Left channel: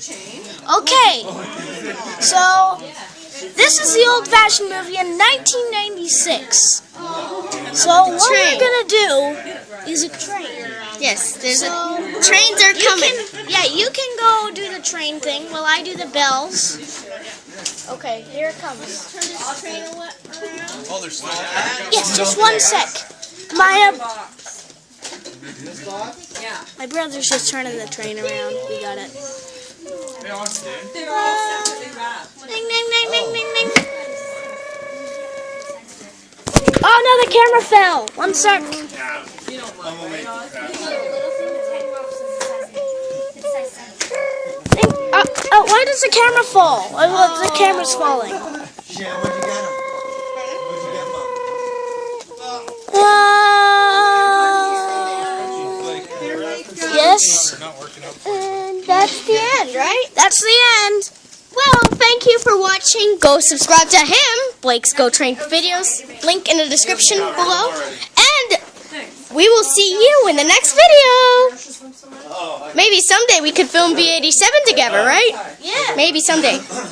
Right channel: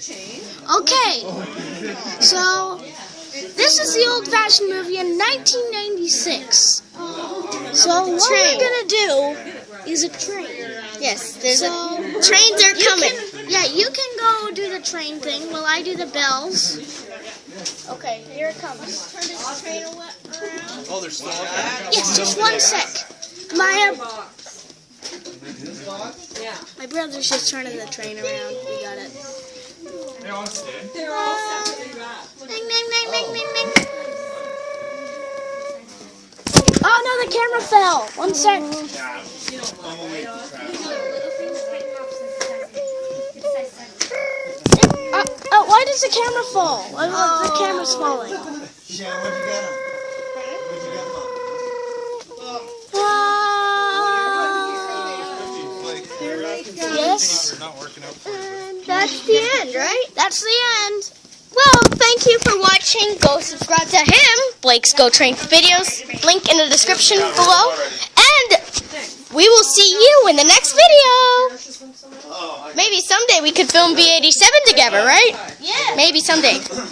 Okay, so this is the old-fashioned movie in 1996. So what we're gonna do is a train. Yes. So Trains are coming. You can go do the train thing while I do the bells. Okay, here it comes. Yes, just one sec. My brother's just turning the train around. We got it. Ding, ding, ding, ding, ding, ding. Oh no, the camera fell. One sec. Why does the camera fall? The camera's falling. Yes. And that's the end, right? That's the end. Well, thank you for watching. Go subscribe to him, Blakesgotrainvideos. Link in the description below. And we will see you in the next video. Maybe someday we could film B87 together, right? Yeah. Maybe someday.